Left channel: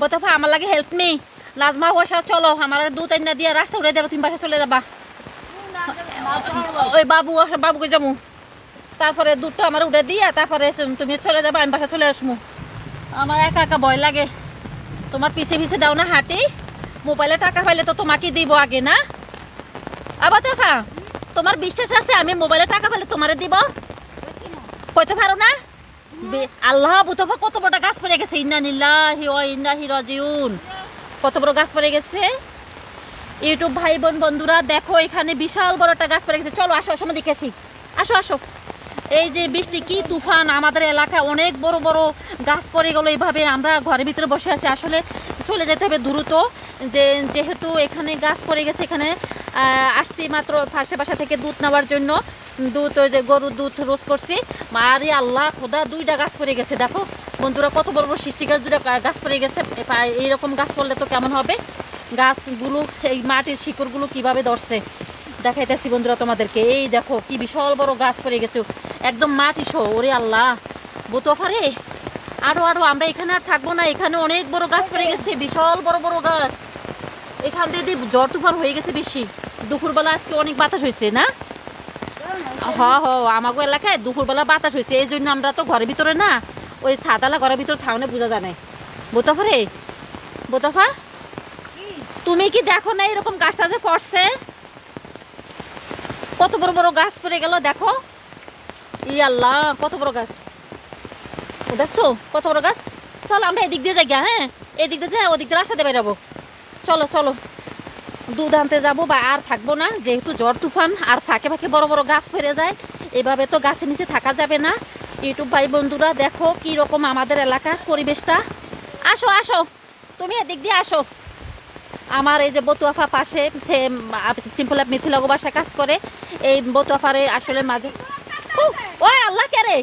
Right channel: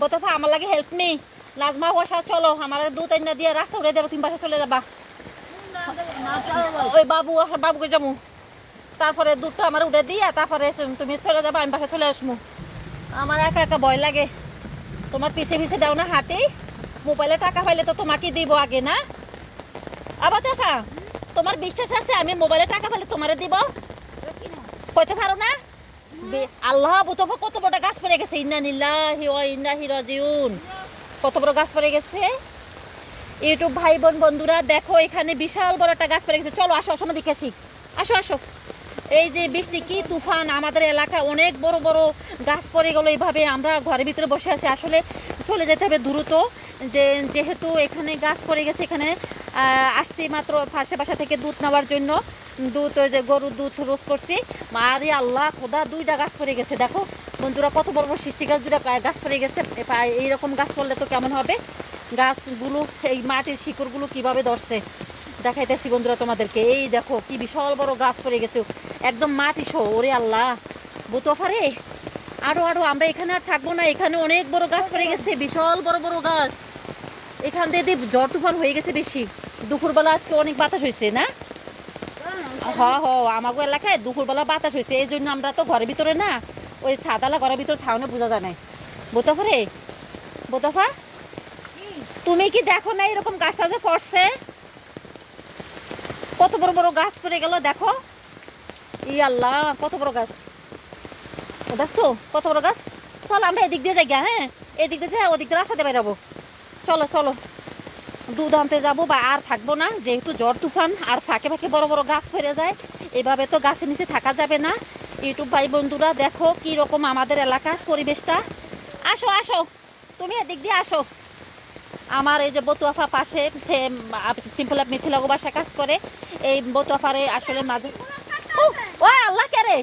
বতফা আমার লাগে help me Nazma বসা চলো আমার দুধ আইনা দিয়ে রাস্তা উড়ে দেবো তুমি বাসা চলে যাবা ওই বাবুকে যাবো তারপরে দুধটা আমার উঠে দিয়া তারপরে তুমি চলে যাবা আমি বাসা চলে আসবো আমার একা একা ভয় লাগে তোমার পিছে পিছে দাও না হাঁটি মোবাইলে টাকা পাইলে তো তোমাকে দিব আগে না আবার দেখা তোমার বিশ্বাস আছে আমি মোবাইলে টাকা পাইলে তোমারে দিব কইতে পারো না আল্লাহ বুতফা কত বড় গাছ পড়ে গেছে ইন্না নিল্লাহি ওয়া ইন্নাহি রাজিউন কত বড় গাছ পড়ে গেছে ইউটিউব ভাই বোন বন্ধুরা দেখো এখানে বিশাল বড় একটা গাছ পড়ে গেছে চলো আসো আসো দেখে আসি আসো আসো এই যে বৃষ্টি কি তুফান আমাদের এলাকায় অনেক বড় বড় গাছ পড়ে গেল এইভাবে আমরা ঘরের ভিতরে বসে আছি আসলে চলে যেতে হবে দ্রুত যেহেতু এখানে গাছ পড়ে গেছে এখানে আসছি মাত্র পাশে বাসা থেকে দুধ নেওয়ার জন্য দুধ ওই যে গরুর দুধ রোজ করছি আরে আল্লাহ খোদা দুইটা গাছ পড়ে গেছে দেখো বন্ধুরা কত বড় বড় সৃষ্টি গাছ দুইটা গাছ পড়ে গেছে এইরকম গাছ পড়লে তো কেমন হবে গাছগুলো এই মাটির শিকড়গুলো কিভাবে ধরছে দেখাইতেছি বন্ধুরা তোমাদেরকে এই দেখো কি বিশাল বড় গাছ পড়ে গেছে একদম মাটি শো ওরে আল্লাহ বুতফারে আরো আমরা এখানে আর থাকবো না এখানে অনেক বড় গাছ পড়ে গেছে বিশাল বড় বড় গাছ এখান দিয়ে ঝড় তুফান হয়ে গেছে বেশি দুপুরবেলা আজকে অনেক বাতাস হয়েছে না আমাগো এলাকায় দুপুরবেলা বাতাস হয়েছে এই জন্য আমরা তো ঘরের ভিতরে না ওই সাদালা ঘরের ভিতরে থাউনে বোঝা জানে বোতফা তুমি কি দেখো না এরকম গাছটা যে পড়ছে কত বড় বড় গাছ পড়ে গেল দেখো ই আল্লাহ কত বড় গাছ দেখছো কত বড় গাছ চলো আমরা এদিক দিয়ে যাই হ্যাঁ এদিক দিয়ে ওদিক দিয়ে রাস্তাতে বেরাবো চলো চলো দুধ আনতে যাবো বা আর থাকবো না যেহেতু ঝড় তুফান আর ফাঁকে ফাঁকে বড় বড় গাছ ফেরে যায় এভাবে তো গাছের নিচে থাকা যাবে না ইউটিউব ভাই বন্ধুরা দেখো কি রকম আমাদের এলাকার পরিবেশটা আসো আসো তুমি এদিক দিয়ে আসো আমার এই যে বতুয়াফা পাশে সে সিম্পল অ্যাপ মিথিলাগো বাসা কাজ করে এই বতুয়াফারে আসলে মাঝে ও আল্লাহ কে রে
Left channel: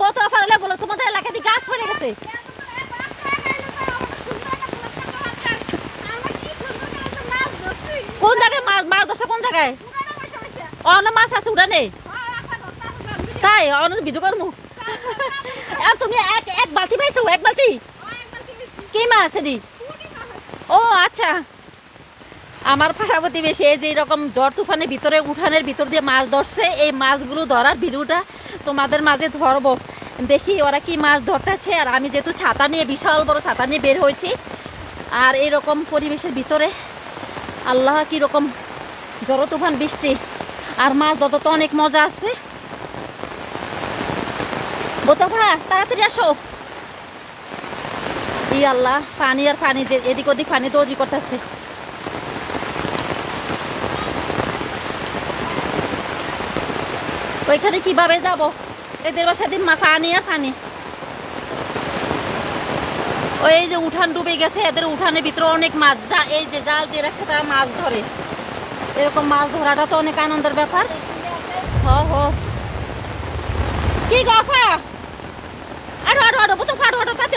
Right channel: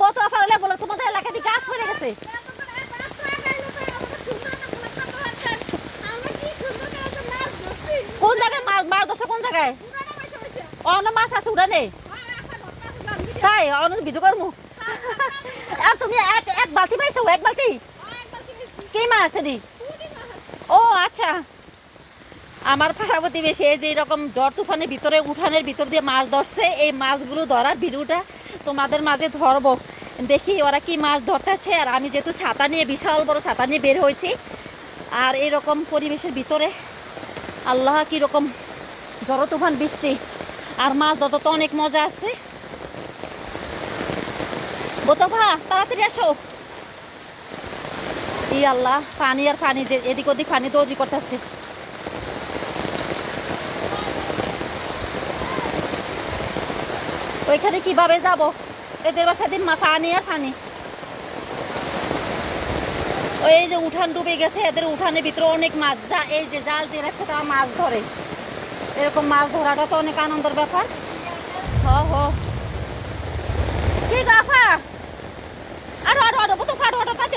বতুয়াফা হলে বলো তোমাদের এলাকাতে গাছ পড়ে গেছে কোন জায়গায় মাছ ধরছে কোন জায়গায় অনেক মাছ আছে উড়ানে তাই অনেক ভিডিও করবো তুমি এক বালতি পাইছো এক বালতি কি মাছ আছে দি ও আচ্ছা আমার পাড়া প্রতিবেশী এই যে এরকম ঝড় তুফানের ভিতরে উঠানের ভিতর দিয়ে মাছ ধরছে এই মাছগুলো ধরার ভিডিওটা তোমাদের মাঝে ধরবো দেখি ওরা কি মাছ ধরতেছে আর আমি যেহেতু ছাতা নিয়ে বিশাল বড় ছাতা নিয়ে বের হয়েছি আর এইরকম পরিবেশের ভিতরে আল্লাহ কীরকম ঝড় তুফান বৃষ্টি আর মাছ ধরতে তো অনেক মজা আছে বোতফা তাড়াতাড়ি আসো ই আল্লাহ পানি আর পানি যে এদিক ওদিক পানি দৌড়ি করতেছে ওইখানে কিভাবে যাব এদের বাসা দিন পানি আর পানি ওই যে উঠান ডুবে গেছে এদের উঠানের ভিতরে অনেক মাছ এই যে জাল দিয়ে রাখছে তারা মাছ ধরে এরকম মাছ ধরাটা তো অনেক আনন্দের ব্যাপার কি গাফা আরো বোতফা আরো তাতে